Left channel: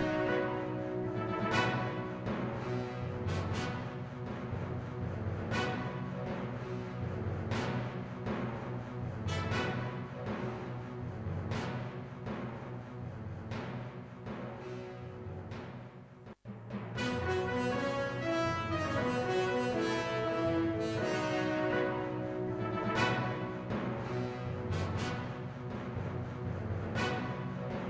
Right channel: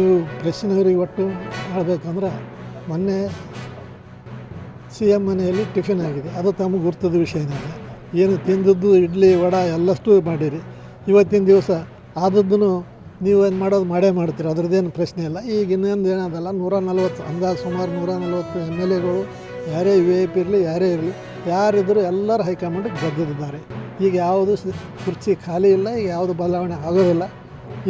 ಇದು ಪ್ರೆಸ್ಸಿನವರಿಗೆ ಒಟ್ಟು ಹೇಳಬೇಕಂದ್ರೆ ಮೊನ್ನೆ ಸಿ ಎಮ್ ಮನೆಯಲ್ಲಿ ಟಿಫಿನ್ ಆಗಿದೆ, ಅದು ತಮಗೆ ಗುರ್ತದ ವಿಷಯನೇ. ಏನು ತಿಂದದ್ದು ಇಡ್ಲಿ ವಡೆ ಎಲ್ಲಷ್ಟು ಮಾಡಿರಿ. ಇವತ್ತಿನ ದಿವಸ ಆದದ್ದನ್ನು ನೀವೇನು ಮಾಡೋದು ಮಾಡೇ ಅದರದ್ದೇನು ಪ್ರಶ್ನೆ ಇಲ್ಲ. ಈಗ ಇನ್ನೊಂದು ಏನದಲ್ಲ, 140 ಅಂದಾಜು ಸುಮಾರು 140 MLAಗಳು, ಯಾರೇ VIP ಇರಲಿ ಯಾರೇ ಇರಲಿ, ಯಾರಿದ್ದರೂ ಎಲ್ಲರೂ ಹೈಕಮಾಂಡಿಗೆ ಬದ್ಧರಿದ್ದಾರೆ. ಈಗ ಯಾವುದು ಕುರ್ಚಿ ಖಾಲಿ ಇಲ್ಲ, ಈಗ ಯಾವುದು ಬದಲಾವಣೆ ಆಗೋದಿಲ್ಲ.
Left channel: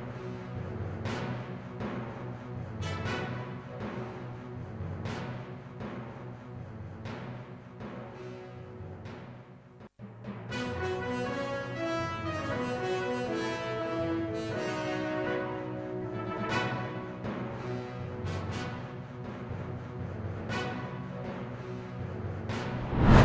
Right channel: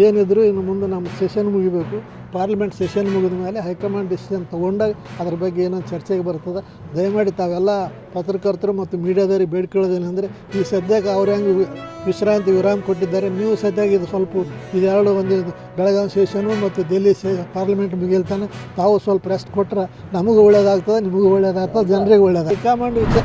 ಏನಿದ್ರು ಇನ್ನು ಮುಂದೆ ನಮ್ಮ ಸೆಷನ್ ಮುಗಿಬೇಕು. ಪಾರ್ಲಿಮೆಂಟ್ ಸೆಷನ್ ಮುಗಿದ ಮೇಲೆ ಹೈಕಮಾಂಡ್ ಡಿಸಿಷನ್ ತೊಗೊಂಡಾಗ ಅದ್ರ ಬಗ್ಗೆ ಏನೋ ಚರ್ಚೆಗೆ ಬರ್ತದೆ. ದಯಮಾಡಿ ತಾವೆಲ್ಲ ಪತ್ರಕರ್ತರು ಮತ್ತು ಮೀಡಿಯಾದವ್ರಿಗೆ ಬೇಡ್ಕೊಳ್ಳೋದೇನೆಂದರೆ, ಈ ಸದ್ಯಕ್ಕೆ ಅವ್ರು ಹೆಂಗೆ ವಿರಾಮ ಕೊಟ್ಟಿದ್ದಾರೆ, ನೀವು ಸದ್ಯಕ್ಕೆ ಇದು ಸ್ವಲ್ಪ ಇದೆರಡು ಒಂದು ಬೆಳಗಾವಿ ಸೆಷನು ಮತ್ತು ದಿಲ್ಲಿ ಪಾರ್ಲಿಮೆಂಟ್ ಮುಗಿಲ್ತಾನೆ ತಾವು ಸ್ವಲ್ಪ ರೆಸ್ಟ್ ಕೊಟ್ಟರೆ ನಮಗೂ ಒಳ್ಳೇದಾಗ್ತದೆ, ನಿಮಗೂ ಒಳ್ಳೇದಾಗ್ತದೆ, ಜನರಿಗೆ ಒಳ್ಳೇದಾಗ್ತದೆ. ಹೈಕಮಾಂಡ್